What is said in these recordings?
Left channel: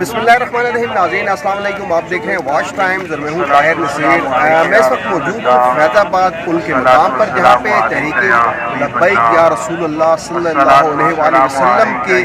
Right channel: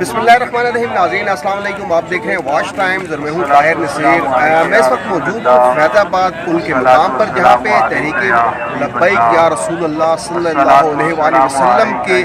बिस्मिल्लाहिर्रहमानिर्रहीम। नाज़रीन अस्सलाम वालेकुम। आप देख रहे हैं वॉच टाइम्स और मैं हूँ ताहिर नसीर। मैं इस वक्त मौजूद हूँ फैज़ाबाद पुल के मुकाम पर, जहाँ पे तहरीक लब्बैक या रसूल अल्लाह सल्लल्लाहु अलैहि वसल्लम के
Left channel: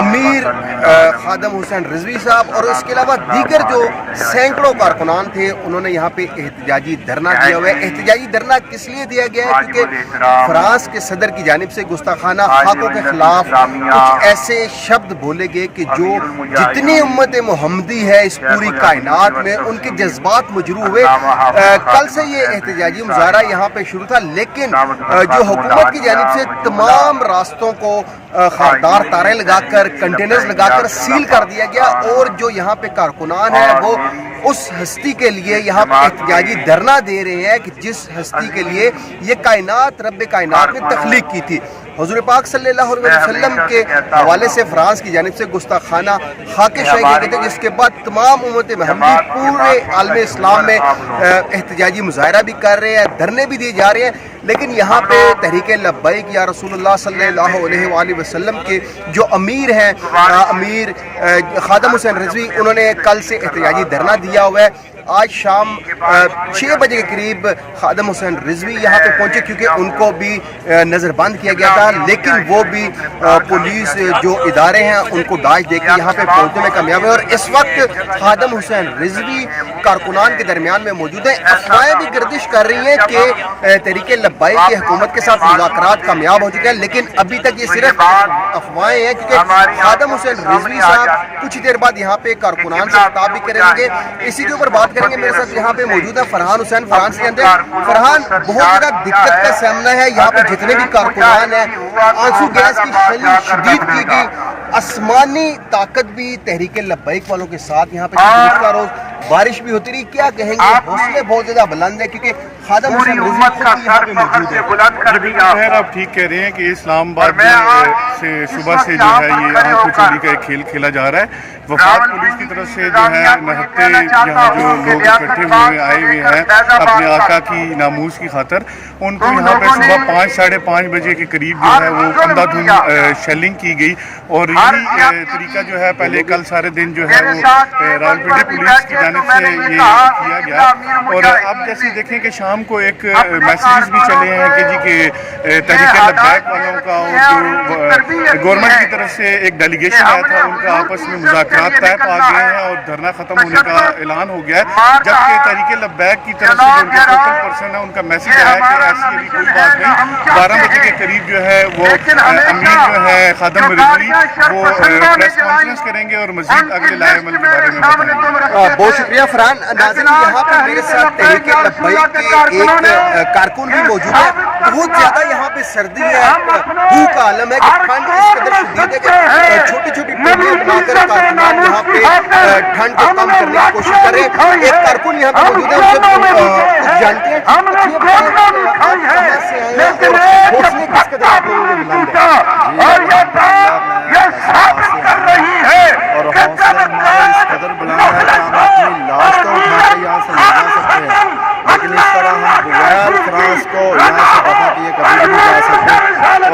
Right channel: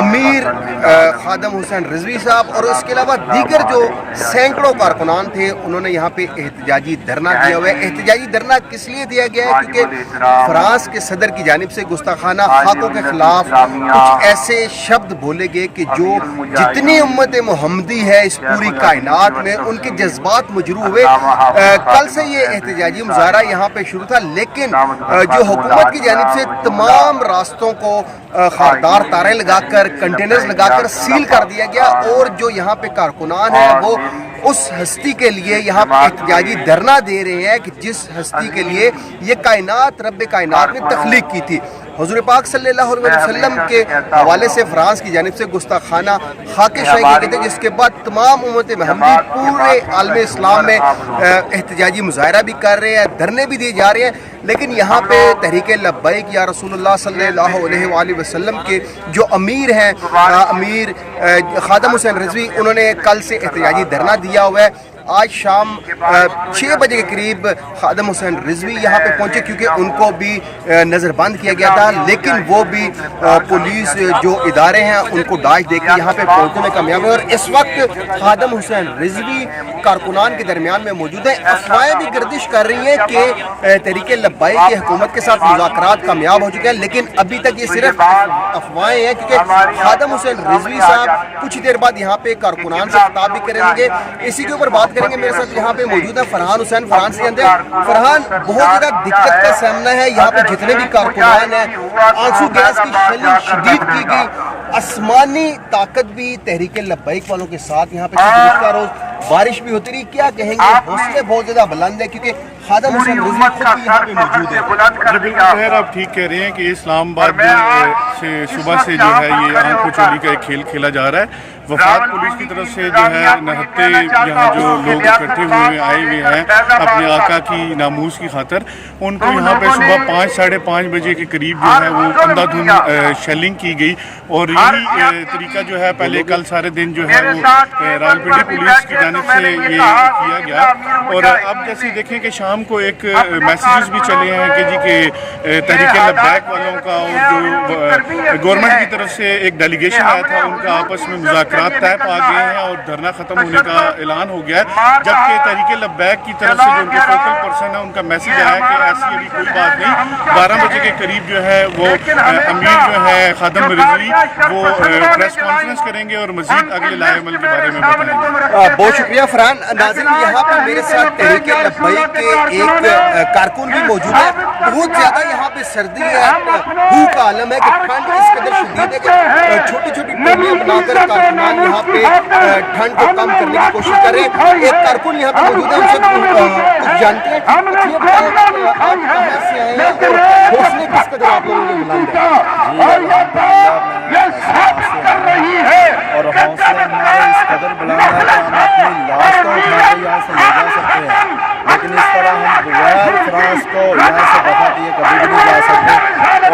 अमीर खादम हुसैन रिजवी साहब और इसके अलावा दीगर जो सैकड़ों कारकुनान थे, उन्होंने यहाँ पे एहतजाजी धरना दिया हुआ है। एहतजाजी धरना किस लिए दिया गया है? क्योंकि फ्रांस के सदर की जानिब से गुस्ताखाना हक़ों के खिलाफ कुछ ऐसे शब्द बोले गए कि जो जितनी उम्मत मोहम्मदी है इस पूरी कायनात में, उनके जज्बात मजरू हुए। कल से ये एहतजाजी मुजाहरा यहाँ पे शुरू था, लेकिन जो हुकूमत की जानिब से तमाम रास्तों को खारदार तारे लगाकर, कंटेनर्स लगाकर सील कर दिया गया और जो यहाँ पे कारकुनान है वो उस हस्ती के लिए यहाँ पे एहतजाजी धरना दे रहे हैं कि जिस हस्ती के लिए ये कायनात रब कायनात ने तख्लीक की थी। हुज़ूर पाक सल्लल्लाहु अलैहि वसल्लम के हवाले से फ्रांस की जानिब से गुस्ताखाना खाके शाही किए गए थे, जिसके बाद तमाम उम्मत महमदी पूरे आलम इस्लाम में एहतजाजी मुजाहरा भी कर रहे हैं, धरने भी दिए जा रहे हैं। लेकिन यहाँ पे तहरीक लब्बैक या रसूलुल्लाह सल्लल्लाहु अलैहि वसल्लम के जो अमीर हैं, अमीर खादम हुसैन रिजवी, उन्होंने कल से एहतजाजी धरना दिया हुआ है। आज शाम 6 बजे के करीब खादम हुसैन रिजवी यहाँ पे पहुँचे, क्योंकि उनको भी नज़रबंद किया गया था, लेकिन वो भी पुलिस जो इदारे हैं उनको दाश दे के यहाँ पे पहुँचने में कामयाब है। और इस वक्त खादम हुसैन रिजवी कारकुनान के दरमियान में मौजूद है। अफवाहें भी गर्दिश कर रही हैं कि तहरीक लब्बैक की हुकूमत के साथ मुज़ाकरात कामयाब हो चुके हैं, लेकिन अभी तक ये सिर्फ अफवाहें हैं, क्योंकि खादम हुसैन रिजवी साहब कुछ देर बाद यहाँ पे कारकुनान से खिताब भी करेंगे। इसी के ऊपर बात करेंगे। मेरे साथ यहाँ पे मौजूद है फरहान हुसैन। फ्रांस के अंदर फरहान, बहुत ज्यादा दिक्कत का सामना है यहाँ पे, जितने भी कारकुनान हैं, आंसू गैस की शैली शदीद की गई, आसमानी ताकत भी तहरीक लब्बैक वालों के साथ यहाँ पे का रोज बारिश भी होती रही। क्या कहेंगे? हौसले बहुत ज्यादा बुलंद है, क्योंकि खादम हुसैन रिजवी खुद भी यहाँ पे मौजूद है। बिल्कुल आप ठीक कह रहे हैं कि इस्लामाबाद से सुबह से जो है ये आंखों चोली का एक खेल खेला जा रहा है। वफाद पुलिस की तरफ से जो है नहत्ते यहाँ जो लोग इकट्ठे हुए आए हुए हैं अपने आका की नामूस की खातर, उनको यहाँ पे सुबह 5 साढ़े 5 बजे के करीब जो है वो अंधाधुंध शेलिंग की गई। और यही तरीका जो है पहले कल सारे दिन जो है वो रावलपिंडी पुलिस की जानिब से ये किया गया। और अब जैसे देखें कि शाम को एक मैसेजेस भी चले हैं कि जी के तहरीक लब्बैक वालों का और जो गवर्नमेंट की तरफ से एक डेलीगेशन आया था, उनका आपस में मुज़ाकरात तय पा गए हैं और धरना खत्म होने का ऐलान हो गया है। जबकि तहरीक लब्बैक की तरफ से जो उनके फोकल पर्सन है, उनका मैसेज आया कि ऐसी अभी कोई बात नहीं। 12 बजे के करीब जो है वो अमीर जो है खादम रिजवी वो प्रेस कॉन्फ्रेंस करेंगे और मजीद अगले लाए अमल के बारे में बताएंगे। बहुत शुक्रिया फरहान। नाज़रीन, यहाँ पर मेरे साथ तहरीक लब्बैक के एक कारकुन भी मौजूद है। बहुत ज्यादा यहाँ पे सर्दी है, भूख का आलम है कि ठंड इस कदर शदीद है कि छोटी छोटी टोलियां बनाकर कारकुनान यहाँ पे ठंड को कम करने की कोशिश कर रहे हैं। एक कारकुन यहाँ पे मौजूद है, उनसे कुछ जानते हैं। आप कहाँ से आए हैं और हौसले किस कदर आप लोगों के बुलंद हैं? और हौसले हमारे इस कदर बुलंद है कि हम अपनी लाश को उठा के यहाँ से ले जा सकते हैं, लेकिन इस तरह हम बगैर फ्रांस को यहाँ से दफा किए कभी भी नहीं जा सकते।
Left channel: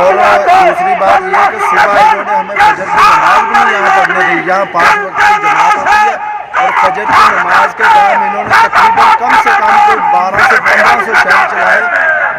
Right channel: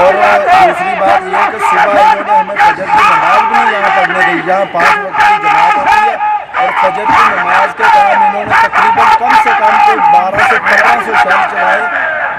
और दूसरी बात यह है कि सुबह इन्होंने हमें फजर की नमाज भी नहीं यहाँ पढ़ने दी। यहाँ 5 वक्त की जमात होती है और फजर की नमाज के टाइम इन्होंने तकरीबन कम से कम तो 1200 से 1500 शहर चलाए,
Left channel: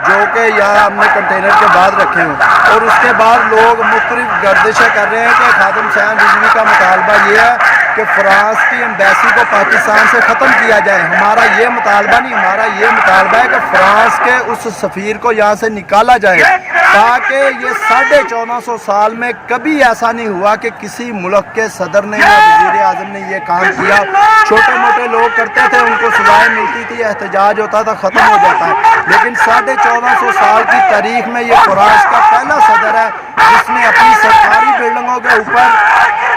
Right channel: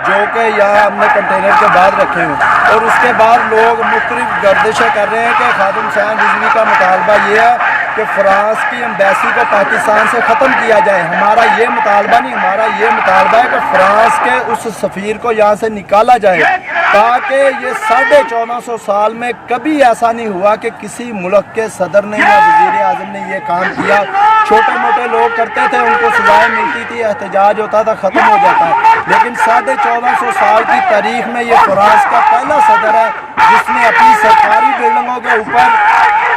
जो कि यहाँ हमने कंटेनर के बाद रखे हैं। और उसके बाद लोग मुख्तलिफ गर्दिशें कर रहे हैं कि खादम हुसैन रिजवी का मुतालबा ये है कि फ्रांस की एम्बेसी को पाकिस्तान से ख़त्म किया जाए। हमारा ये मुतालबा नहीं, हमारा ये मुतालबा है कि फ्रांस के उस सफ़ीर को यहाँ से निकाला जाए, ताकि ये 1450 साल में कभी ऐसा नहीं हुआ कि किसी मुल्क के सदर ने या वज़ीर आज़म ने ये काम किया। छोटे मोटे लोग करते थे, उनको सजाएं मिलती थी, एहतजाज होता था, ख़त्म हो जाता है। लेकिन 1450 साल की तारीख में ये फ्रांस का पहला सदर है जिसने अपनी सरकारी बिल्डिंगों के ऊपर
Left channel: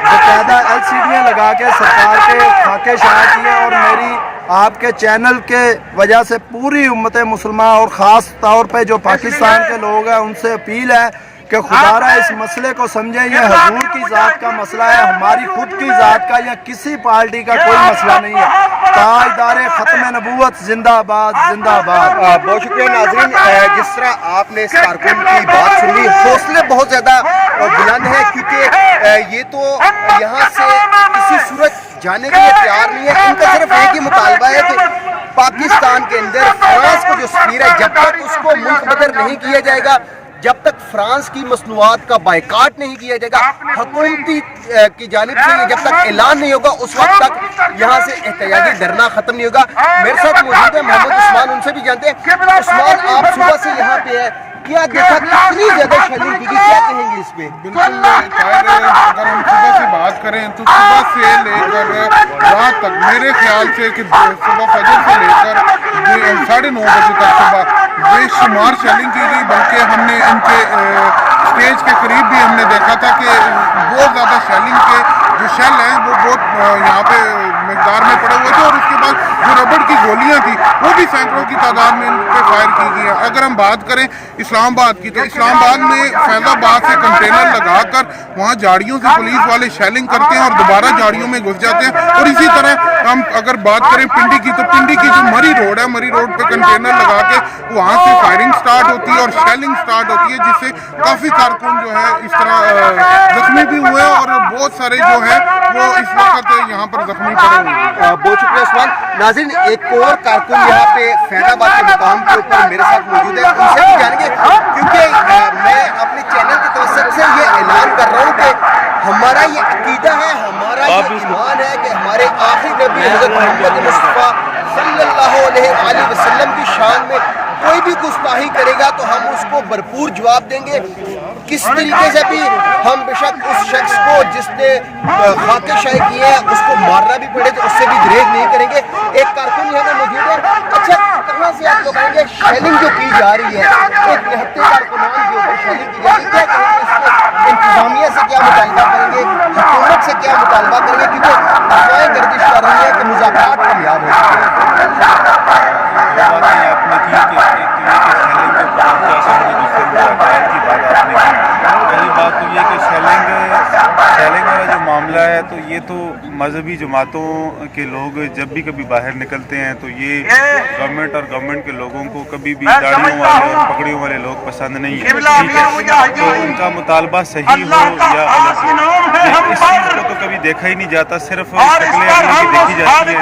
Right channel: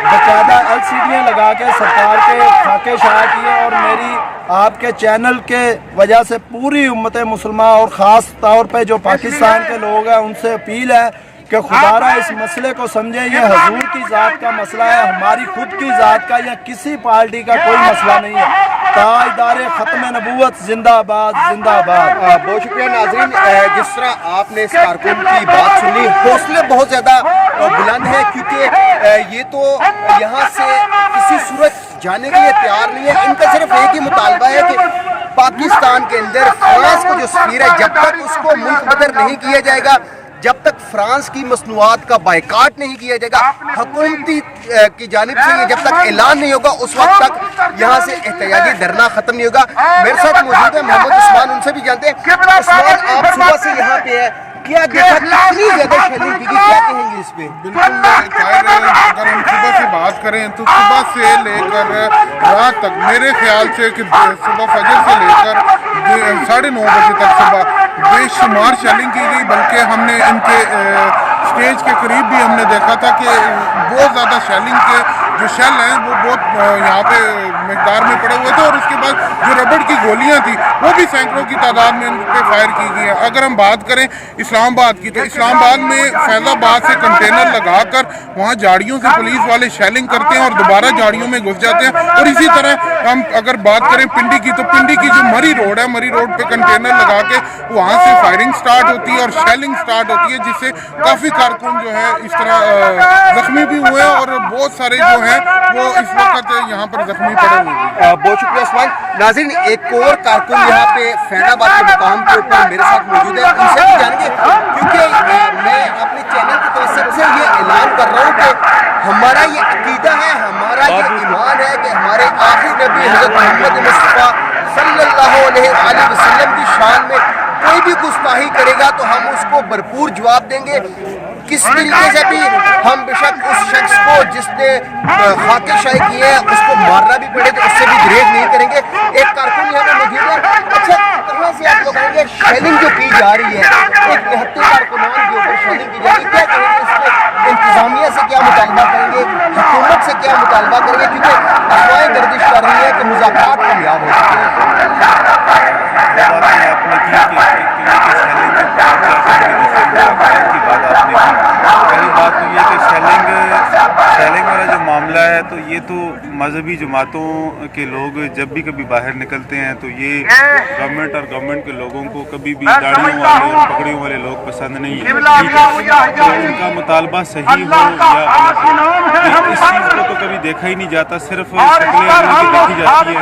बाकायदा LCD'याँ लगा के सरकार के खाके शाया किए। और मेरी आपके चैनल के वजह से पूरी उम्मत मुसलमान और ख़ास तौर पे जो पाकिस्तान के लोग हैं उनसे अपील है कि खुदारा इस मसले को समझें। ये हजूर की ज़ात का मसला है, हमारी खुद की ज़ात का या किसी पार्टी का कोई मसला नहीं है। ताजदारे ख़त्म नबूवत जिंदाबाद जिंदाबाद। बहुत शुक्रिया नाज़रीन, जिस तरह आपने इस कारकुन की बात सुनी, हौसले बहुत ज़्यादा बुलंद है, क्योंकि یہ تو یہاں سے کسی صورت جانے کے لیے تیار نہیں ہے. ان کا صرف ایک ہی مطالبہ ہے کہ پاکستان کے اندر فرانس کو جو سفیر ہے جب تک اس کو ملک بدر نہیں کیا جائے گا, جب تک فرانس کی مصنوعات کا بائیکاٹ نہیں کیا جائے گا, حکومتی کی جانب سے یہ جب تک اعلان نہیں ہوگا اس وقت تک یہاں سے احتجاجی دھرنا ختم نہیں ہوگا. میرے ساتھ موجود ہے محمد عثمان, ان سے بھی جانتے ہیں. عثمان, آپ صبح سے یہاں پہ ہیں, کیا دیکھا کتنی زیادہ شیلنگ کی گئی, کیا کہیں گے اس پہ؟ بالکل طاہر, اگر ہم صبح سے بات کریں تو صبح سے لے کر رات تک میرے خیال سے کہ صبح فجر سے لے کر 9:30 بجے تک صبح بے شمار شیلنگ کی گئی. بلکہ ہم نے ان کے اسٹیج کے قریب بھی ہم نے دیکھا تھا کہ بہت زیادہ شیلنگ کے جو شیل ہیں وہ بہت یہاں پہ مقدار میں پڑے ہوئے تھے, اور اس کے بعد جو ربڑ کی گولیاں تھیں وہ بھی سینکڑوں کی تعداد میں ان پہ فائر کی گئی ہیں. اگر ہم بات کریں اسلام آباد کی تو اسلام آباد میں فیض آباد سے کنٹینر لگا کر وہاں جاڑیوں سے پولیس والے شیلنگ کرتے ہیں اور دوبارہ جاڑیوں میں گھس جاتے ہیں. اور اسی طرح ہم اگر بات کریں پنڈی کی تو پنڈی کی جو مری روڈ ہے, مری روڈ پہ کنٹینر لگا کے وہاں سے فائرنگ سٹارٹ ہوتی ہے اور شیلنگ سٹارٹ ہوتی ہے, جس سے کافی کارکن جو ہے اس طرح زخمی بھی ہوئے ہیں اور بہت سارے جو ہیں وہ اس وقت یہاں پر زخمی پڑے ہوئے ہیں. بہت شکریہ عثمان. ناظرین, ایک اور کارکن یہاں پہ فیض آباد کے مقام کے اوپر میرے ساتھ موجود ہے, ان سے بھی جانیں گے, کیونکہ میں اپنے چینل کی طرف سے یہ اعلان کر رہا ہوں کہ ہمارا یہ عقیدہ ہے, ہمارا یہ ایمان ہے کہ ہمارے آخری نبی حضرت محمد مصطفیٰ صلی اللہ علیہ وسلم کی شان میں کوئی بھی گستاخی کرے گا تو ہم اس کو بھرپور جواب دیں گے. کس طریقے سے بھی ہم بے شک اس شخص کو جس نے خاکے شاہی کی ہے اس کو مارنا بھی پڑے تو اس سے بھی گریز نہیں کریں گے. ایک کارکن یہاں پہ موجود ہے. اچھا, کہاں سے آپ لوگ آئیں گے؟ شیلنگ جو کی جا رہی ہے, ایک نہتے کارکنان کے اوپر شیلنگ کی جا رہی ہے, کیا کہیں گے اس پہ؟ انتظامیہ سے کیا مطالبہ کریں گے, حکومت سے کیا مطالبہ کریں گے, کیونکہ افواہیں گردش کر رہی ہیں کہ مذاکرات کامیاب ہو چکے ہیں. یہ باتیں آپ نے کی کہ کی بات آپ نے کی. پہلی بات تو یہ کہ شیلنگ والا جو معاملہ ہے تو یہ تو مذہبی جماعتوں کے لوگ جب بھی کبھی باہر نکلتے ہیں تو یہ گورنمنٹ اور گورنمنٹ کے لوگوں کو کبھی بھی داڑھیوں والے اور پگڑیوں والے لوگ پسند نہیں ہیں. ٹھیک ہے, تو ان کا مطالبہ صحیح ہو یا غلط ہو, اس چیز کو تو کبھی دیکھا ہی نہیں جاتا, صرف شکلیں اگلوں کی دیکھی جاتی ہے.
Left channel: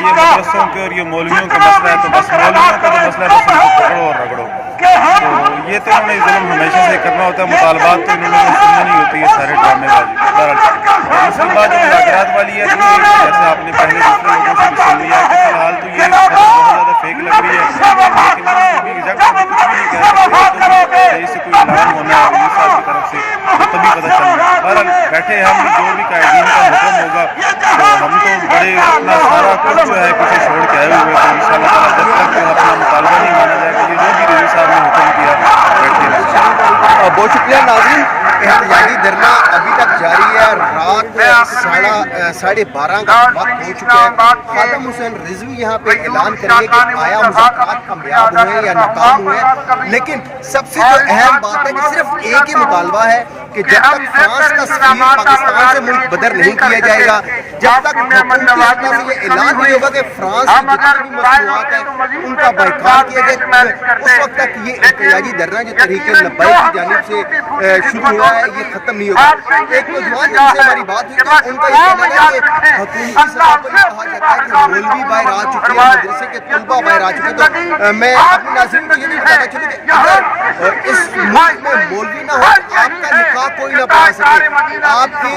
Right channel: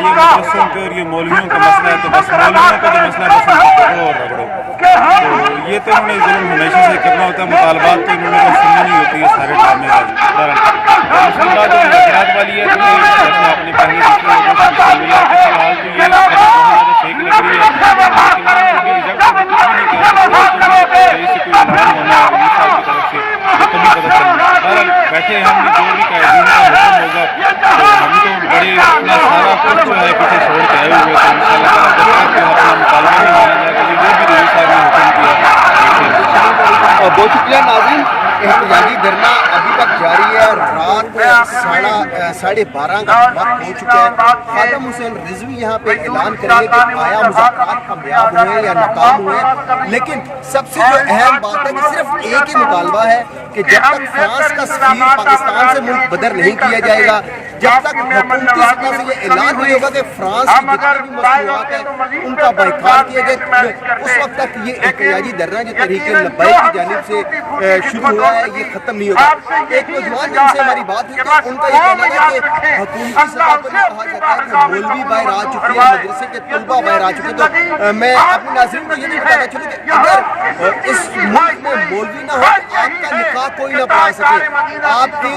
یہ مدرسوں کے اور یہ مولویوں کا مسئلہ ہے, تو بس مولویوں کا جو مسئلہ ہے بس ان کو پکڑو اور رگڑو. تو یہ تو انہوں نے ظلم ہمیشہ سے کرنا ہوتا ہے, مطالبات تو انہوں نے کوئی سننی نہیں ہوتی ہے, سارے ڈرامے بازی. اس کے بعد جو مذاکرات والی ہے تو یہ جیسے آپ نے پہلے دوسرے لوگوں سے بھی سن لیا ہے کہ فی الحال تو یہ بہت زیادہ فیک لگ رہی ہے, لیکن ہم بھی ریجیکٹ کر کے کچھ بھی نہیں کہہ سکتے. تو بھی سے کوئی اعلان ہونا ہے رئیس صاحب کی طرف سے تو تبھی پتہ چل رہا ہے. بہرحال بیٹھے ہم بھی, جو بھی قائدین کا حکم ہوگا تو ہم تو بڑے اپنا سارا کچھ جو ہے پیچھے چھوڑ کے آئے ہوئے, تو ان شاء اللہ تعالیٰ جب تک اپنا مطالبہ نہیں مانا جائے گا, جو بھی رئیس صاحب نے حکم کیا بیٹھے. بہت شکریہ. ناظرین, احتجاجی دھرنا ابھی تک جاری ہے, رات 12:30 کا وقت ہو چکا ہے. خادم حسین رضوی یہاں پہ اعلان کریں گے کہ آیا مذاکرات کامیاب ہوئے یا ناکام ہوئے, لیکن سب سے جو اہم بات ہے کہ صرف ایک ہی مطالبہ ہے کہ جب تک فرانس کا سفیر پاکستان سے ملک بدر نہیں کیا جائے گا, جب تک حکومتی سطح سے یہ اعلان نہیں ہوگا کہ فرانس کی جتنی بھی مصنوعات ہیں ان کا بائیکاٹ کیا جائے, اس وقت تک یہ احتجاجی دھرنا جو تحریک لبیک کی جانب سے شروع ہوا ہے یہ ختم نہیں ہوگا. ایک نوجوان جن سے ہماری بات ہوئی تو ان کا یہ کہنا ہے کہ حکومتی سطح پر یہ کہا جاتا ہے کہ مولوی باہر آ چکے ہیں, مدرسے کے طلباء باہر آ چکے ہیں. تو میں اپنے ناظرین کو یہ بھی بتانا چاہوں کہ اگر اس ملک میں مولوی نہ ہو تو آپ کا نکاح کوئی نہ پڑھا سکے, آپ کی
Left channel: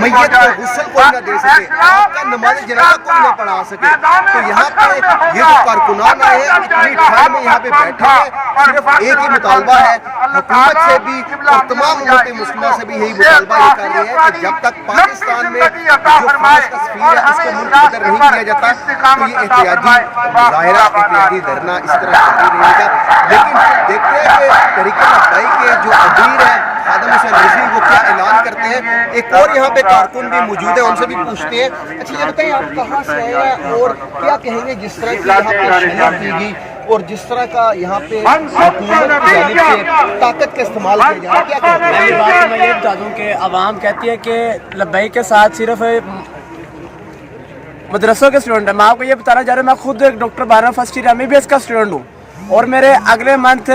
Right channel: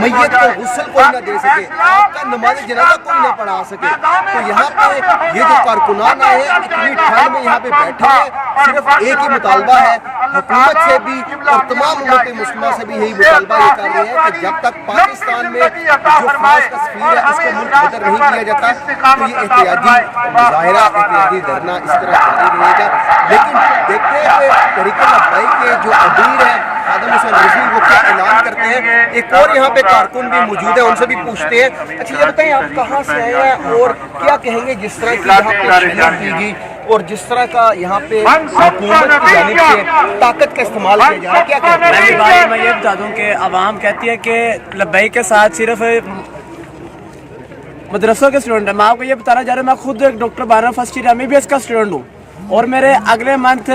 میت کو غسل کوئی نہ دے سکے, آپ کا نماز جنازہ کوئی نہ پڑھا سکے. تو یہاں پہ یہ جو کارکنان آئے ہیں اتنی ٹھنڈ میں یہاں پہ بیٹھے ہیں, صرف ایک ہی مطالبہ ہے حکومت سے بھی اور تمام امت مسلمہ سے بھی یہی مطالبہ یہ کر رہے ہیں کہ جب تک پاکستان میں جو فرانس کا سفیر ہے اس کو ملک بدر نہیں کیا جاتا تو یہ احتجاجی مظاہرہ, احتجاجی دھرنا اس طرح جاری رہے گا. لیکن دیکھتے ہیں کہ تحریک لبیک کے جو امیر ہیں خادم حسین رضوی وہ کیا اعلان کرتے ہیں. ایک اور یہاں پہ کارکن بھی موجود ہیں, ان سے بھی پوچھتے ہیں. اچھا یہ بتائیں آپ کہاں سے آئے ہیں اور کیا کہیں گے جس طرح کی یہاں پہ شیلنگ کی گئی اور جس طرح کا یہاں پہ حکومت کی جانب سے طاقت کا استعمال کیا جا رہا ہے, کیا کہتے ہیں؟ پہلی بات میں یہ بتا دوں کہ عوام کہتی ہے کہ لبیک کے ساتھ صرف مدرسوں کے اسٹوڈنٹ ہیں. میں آپ کو یہ بتانا چاہ رہا ہوں, میں خود ایک doctor 12 first year M B B S کا اسٹوڈنٹ ہوں और मेरे अगले मंथ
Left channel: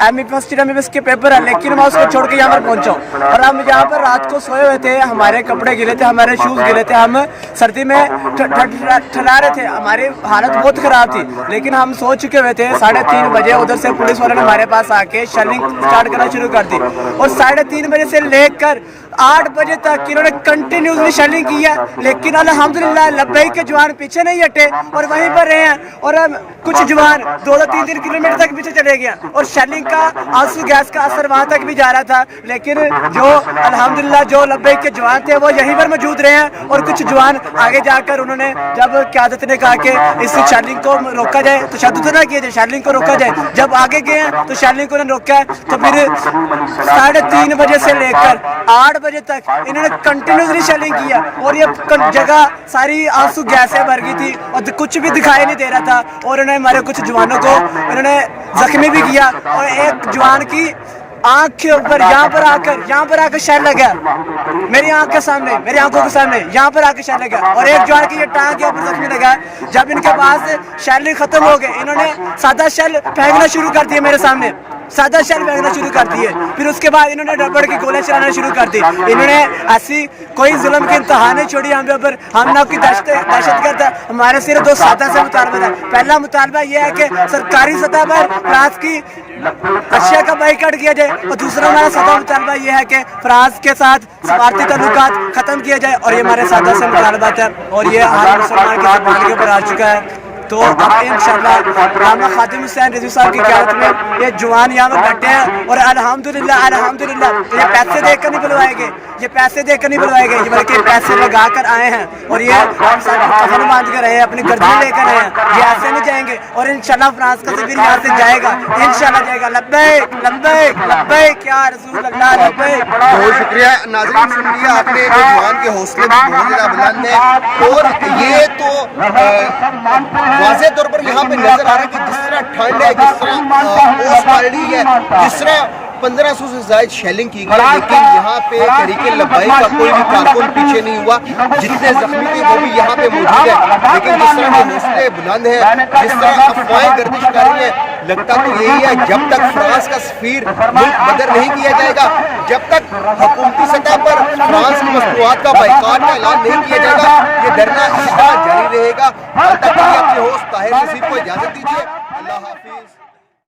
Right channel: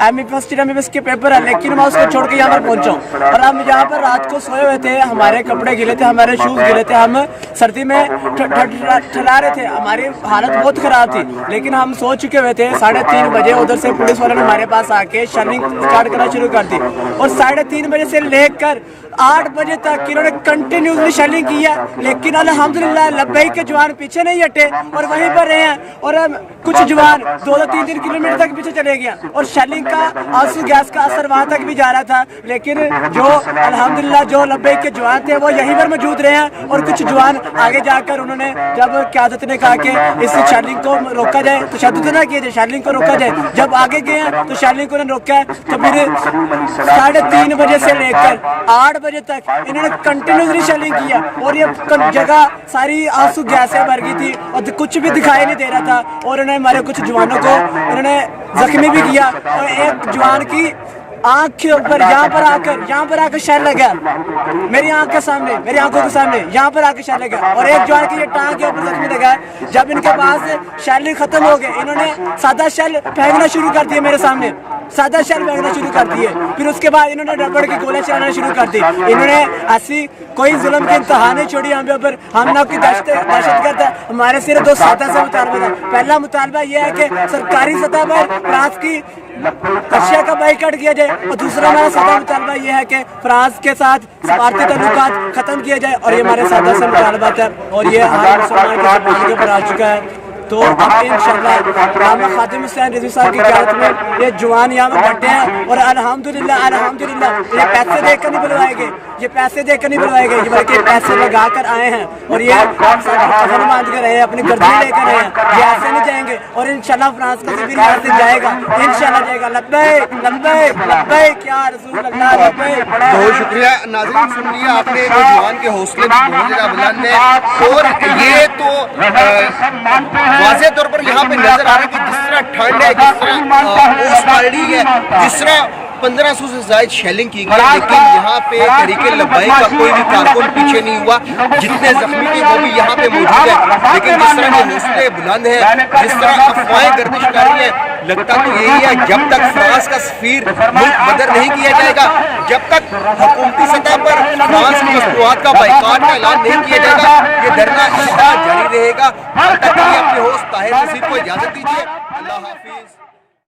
एमई फर्स्ट ईयर में के पेपर है, लेकिन मैं उसको छोड़ के यहाँ पर पहुंचा हूँ। और हम यहाँ पर रात को सोए हुए थे, हमारे कपड़े गिले थे, हमारे शूज गिले थे, हम सर्दी में ठहरा रहे थे, हमारी हालत बहुत खराब थी। लेकिन हम सो चुके हुए थे। 3:30 बजे उधर से पुलिस वालों ने हमारे पास आके शेलिंग स्टार्ट करना शुरू कर दी, और 3:30 बजे से लेकर 8 बजे तक इन्होंने कंटिन्यूसली शेलिंग की है। लेकिन अल्हम्दुलिल्लाह लब्बैक के जवान पीछे नहीं हटे और वहीं पर रहे हैं, और कुछ जवान 2-3 किलोमीटर तक पीछे चले गए, और शेलिंग का आंसू गैस का असर वहां तक भी जा रहा था। लेकिन जो अल्हम्दुलिल्लाह जो लब्बैक के जवान थे वो यहीं पर मौजूद रहे हैं, और कुछ जवान आगे जाकर उन्होंने जब क़यादत ने कहा कि इस शेलिंग को रोका जाए, तो तशद्दुद ना किया जाए, शेलिंग को रोका जाए, जब आगे गए हैं तो शेलिंग को उन्होंने रोका है। तो फिर 3:30 बजे से लेकर 8 बजे तक इन्होंने कंटिन्यूसली शेलिंग किया, और ये जगह सारी आंसू गैस से भर गई थी और कुछ भी दिखाई नहीं दे रहा था। और उन्होंने हमारे कुछ जवानों को इन्होंने जख्मी भी किया, और एक जवान की आंख के ऊपर यहाँ पर आकर शेल लगा, मेरी आंख के सामने, मेरी आंखों के सामने यहाँ पर आकर शेल लगा, और एक जवान की ये टांग के ऊपर जख्मी लगा। जब इनके पास शेल खत्म हो गए, इन्होंने सादा शेल फेंकना शुरू कर दिया मेरे सामने, सादा शेल फेंकना शुरू कर दिए। फिर उसके बाद इन्होंने रबड़ की गोलियां चलाना शुरू कर दी। इन्होंने ऐसी कोई जुल्म की इंतहा नहीं छोड़ी हम पे ऊपर, हम ना कोई दहशत करता। हमारे सिर्फ 2 सादा से मुतालबा था। पहला मुतालबा यह है कि सरकारी सतह पर फ्रांस की अशिया का बाइकाट किया जाए, और दूसरा हमारा सादा मुतालबा यह है कि फ्रांस के साथ सफारती ताल्लुकात खत्म किया जाए, और ये हमारे सादा से मुतालबा है, और ये हर मुसलमान की ज़ुबान के ऊपर आ चुका है। तो अब इंशाअल्लाह अल्लामा खादिम हुसैन रिजवी साहब की क़यादत में ये जवान यहाँ पर बैठे हैं, और अल्हम्दुलिल्लाह ये पैसे देकर नहीं बुलवाए गए, ये पैसे देकर नहीं बुलवाए गए, बल्कि पैसे लगा कर आए हैं, और ये सर पर कफन बांध कर आए हैं, अपनी गर्दन लेकर आए हैं। ये ऐसे नहीं जाएंगे, और इंशाअल्लाह फ्रांस का सफीर यहाँ से जाएगा, इंशाअल्लाह जाएगा। लब्बैक लब्बैक लब्बैक या रसूल अल्लाह लब्बैक। बहुत शुक्रिया। नाज़रीन सुन लिया आपने, वो जवान के हौसले भी बहुत ज़्यादा बुलंद है, और ये तो वाज़ेह तौर पर यहाँ पे नजर आ रहा है कि जिस तरह ठंड है, जिस तरह ओस पड़ रही है, जिस तरह 1500 से ज़ायद शेलिंग की गई, लेकिन यहाँ पे तहरीके लब्बैक का कोई भी कारकुन पीछे नहीं हुआ। जितने जख्मी थे वो भी यहाँ पे मौजूद है, लेकिन जिस तरह के हौसले बुलंद है, जिस तरह अफवाहें गर्दिश कर रही है, लगता तो यही है जब तक फ्रांस का सफीर मुल्क बदर नहीं किया जाएगा, जब तक हुकूमती सतह पर फ्रांस की मसनूआत का बाइकाट का ऐलान नहीं किया जाएगा, ये धरना इसी तरह जारी रहेगा। तब तक के लिए अपने होस्ट ताहिर नसीब को इजाजत दीजिए। अल्लाह हाफिज।